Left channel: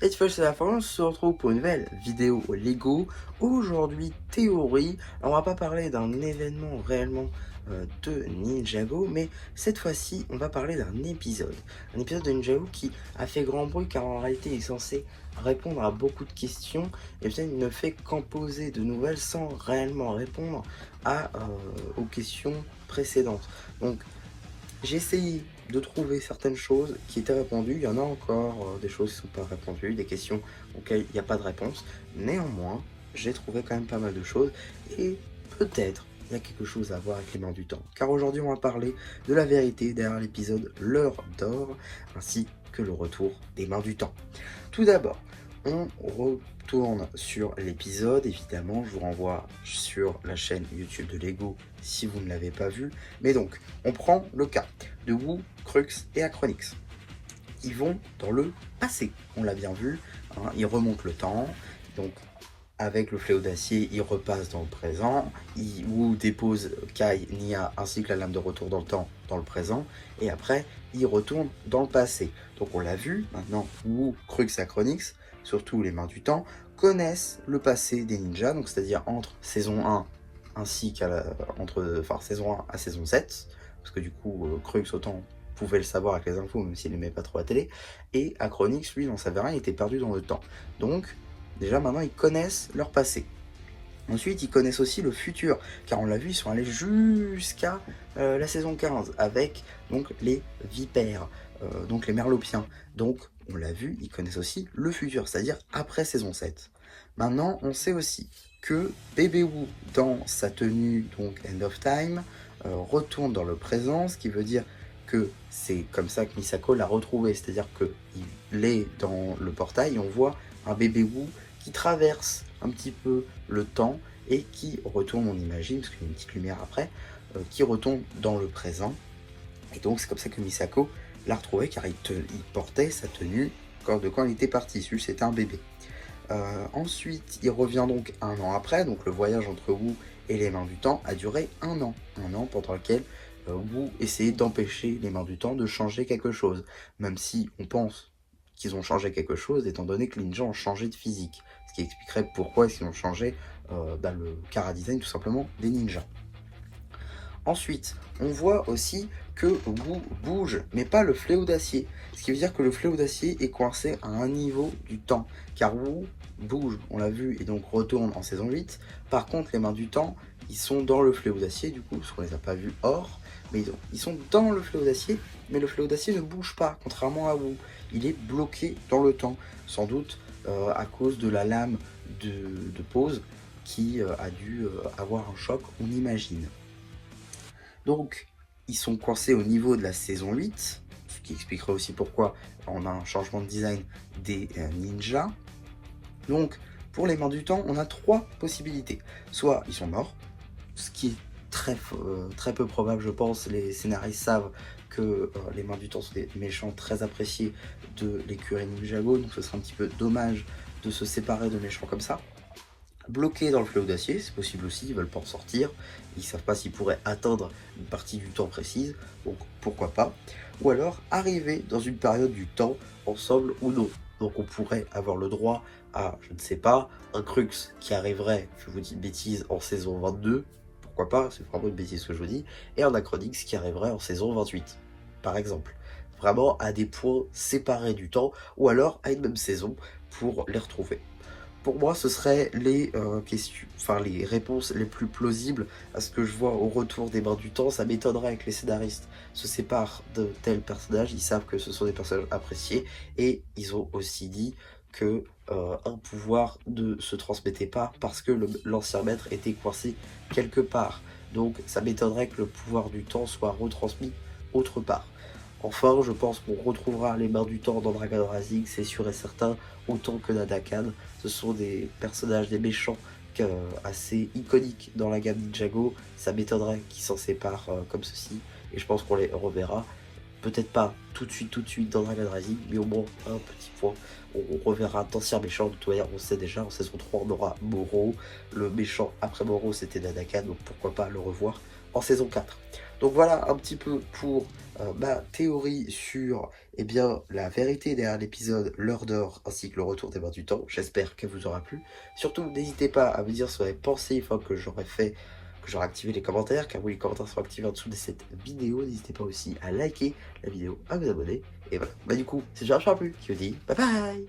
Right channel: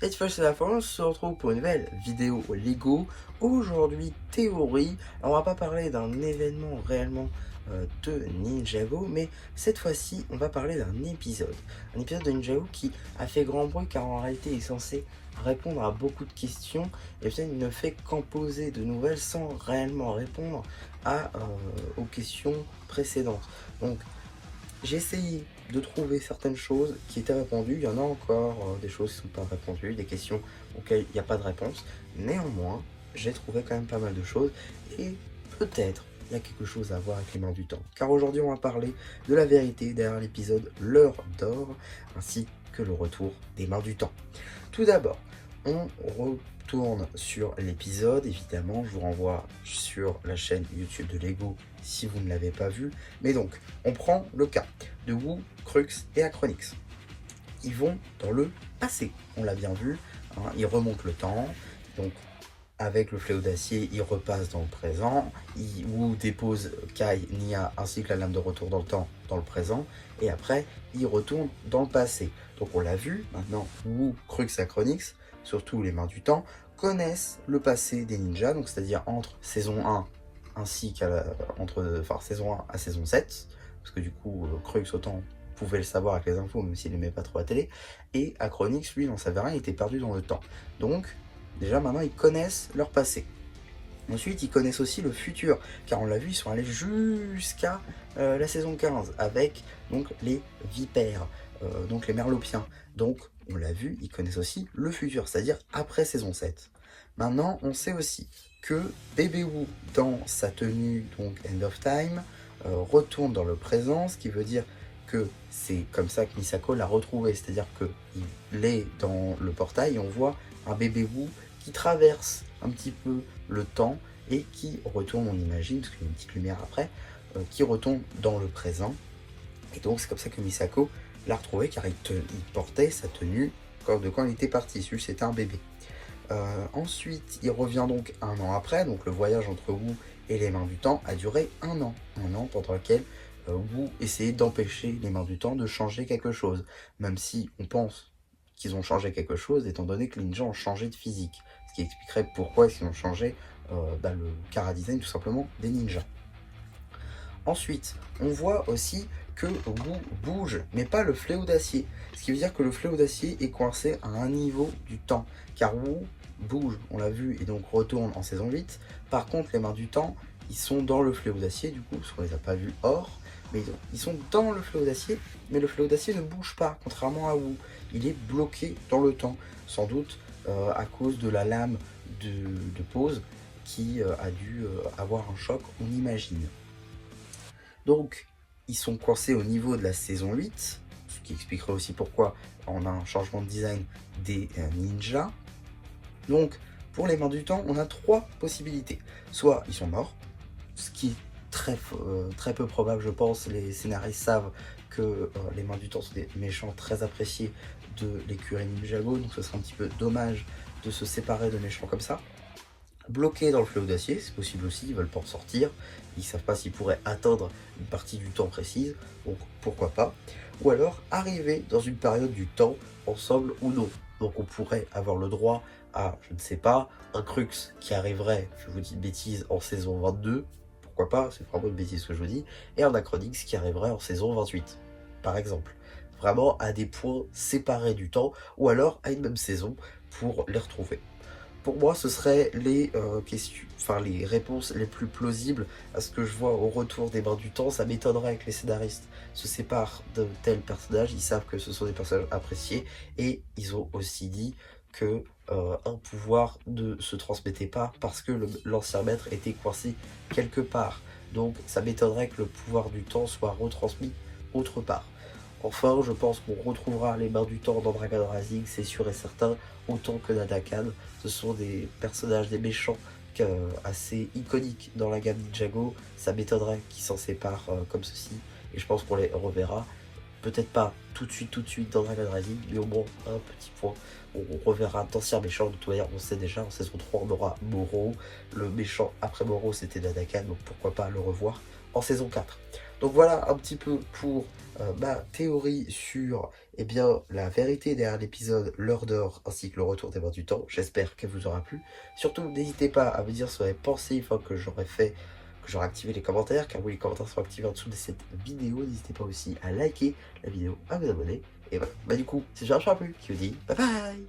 Cette fois c'est la fin, on se retrouve pour une nouvelle vidéo Lego. Aujourd'hui, théorie. Alors, on va pas parler d'un événement réellement de Ninjago, mais cette fois-ci, on va parler d'un épisode. Un épisode de Ninjago qui a fait grand bruit car en réalité, il est censé répondre à beaucoup de questions et peut-être ne fait qu'en poser de nouvelles sans réellement répondre aux questions précédentes. Donc, j'ai essayé de trouver certaines choses qui étaient répondues. Il y en a encore des choses qui ne sont pas répondues, des questions auxquelles il n'y a pas de réponse. Néanmoins, j'ai trouvé quand même pas mal de choses et peut-être il y a quelque chose à voir avec les mains du temps. Car aujourd'hui, on va parler de la vérité derrière l'épisode L'heure d'or ainsi que le retour des mains du temps. Tout d'abord, on retourne sur l'épisode. Évidemment, je vous renvoie sur la chaîne YouTube de Lego si vous ne l'avez pas vu. Mais donc, on prend le cas de Wu, Crux et Acronix. Ils vont dans le passé, on l'a bien vu, hein, ils remontent le temps. Donc, avec le fléau d'acier, ils repassent dans le présent. Wu dépose Kai, Nia ainsi que la lame de retour dans le temps dans le présent. Et après, ils retournent dans le passé. Donc on l'a vu, maintenant, Wu, Crux et Acronix, surtout les mains du temps, connaissent le passé des ninjas, donc c'est-à-dire entre saison 1 ainsi saison 1 à saison 7, parce que du coup, Crux autant pouvait le savoir avec les infos, même s'il n'aimait pas trop la télé, et Acronix, lui, n'en savait rien, il était perdu dans le temps. Donc, déjà maintenant, ils connaissent leur passé. Ensuite, ils connaissent aussi le futur, car on l'a vu, ils sont allés jusqu'à la saison 15 avec donc les vipères, donc les merlopiens. Donc, on l'a vu, ils connaissent aussi le futur, c'est-à-dire après saison 7. Maintenant, on sait aussi que Bébé Wu, dans sa tenue donc End of Time, retourne dans le présent, ce qui veut dire que c'est comme ça que Misako l'a retrouvé, c'est-à-dire qu'il est dans le portail et on voit un bébé Wu qui traverse un petit peu le temps et qui retourne, on imagine, parce qu'il y a une petite lumière après, qui retourne dans le présent. Et donc c'est comme ça que Misako l'a retrouvé car il portait sa tenue de quand il était parti, celui c'était un bébé. Ensuite, il revient donc un an après, donc le voyage entre Wu et les mains du temps a duré un an pendant lequel Wu essayait d'empêcher les mains du temps de changer quelque chose, même si on pense qu'ils ont changé quelque chose, étant donné que les ninjas ont changé de physique, ce qui expliquerait pourquoi ils ont changé dans le chara-design tout simplement des ninjas. Ensuite, on voit aussi que Wu bouge, mais pas le fléau d'acier. Ce qui veut dire que le fléau d'acier est coincé à un niveau du temps. Car Wu bouge, on l'a vu, et donc retourne en saison 8. Par contre, les mains du temps, ils sont dans le fléau d'acier, du coup, parce qu'on les a pas vus hors. Mais ils sont dans le fléau d'acier, mais le fléau d'acier ne bouge pas, contrairement à Wu. Il est bloqué dans le temps, sans doute à cause de la lame de pause qui a dû avoir un choc, on imagine. Donc, ils sont coincés au niveau de la saison 8, ce qui expliquerait aussi pourquoi on a un changement de design des ninjas. Donc, pour les mains du temps, on a trois possibilités. Soit ils sont morts, ce qui est très peu probable, je pense. Les scénaristes savent que les mains du temps sont des méchants très appréciés de l'écurie Ninjago, donc ce serait un petit peu dommage de se séparer de méchants comme ça. Bloqués dans le fleuve d'acier, c'est possible aussi, ils veulent pas en sortir, ils savent pas s'ils pourraient atteindre une partie du temps précise, donc pourquoi pas. Ou alors arriver dans une période du temps ensemble ou non. Donc on pourrait avoir le droit à, je ne sais pas, un Crux qui arriverait, je vous dis une bêtise, en saison 22, pourquoi pas, c'est vraiment une bêtise que je vous dis, et un Acronix qui arriverait en saison 28, par exemple. Vraiment à des points séparés du temps, ou alors à une même saison pour les retrouver. Pour moi, ce seraient les questions, les réponses les plus plausibles à ce que je vois au retour des mains du temps. Ça m'étonnerait que les scénaristes se séparent de tels personnages. Ils savent que ce sont des personnages appréciés et ils ont aussi dit que un pouvoir ne se transmettait pas parce que l'ancien maître était coincé quelque part. Donc, ça m'étonnerait que le pouvoir du temps soit retransmis autre part. Enfin, je pense qu'on retrouvera les mains du temps dans Dragon Rising, c'est sûr et certain, autant que Nadakan. Ce sont des personnages, des méchants assez iconiques dans la gamme Ninjago. Ça m'étonnerait qu'ils s'en séparent comme ceci, et je pense qu'on les reverra. Peut-être pas tout de suite dans Dragon Rising, mais au moins un petit point. On reverra d'anciens méchants, de toute manière, on sait déjà, en saison 3, on aura Moro. Le méchant après Moro, c'était Nadakan, donc pourquoi pas le revoir en saison 4. Donc voilà un petit peu pour ma théorie sur la vérité derrière l'épisode L'heure d'or ainsi que le retour des mains du temps. J'espère qu'elle vous aura plu. Surtout, n'hésitez pas à me dire ce que vous avez pensé une fois que j'aurai fait, que j'aurai activé les commentaires, car oui, les commentaires sont activés en dessous de cette vidéo. N'hésitez pas aussi à liker la vidéo, à vous abonner. Et voilà, du coup, c'est Georges Plus qui vous dit bye bye.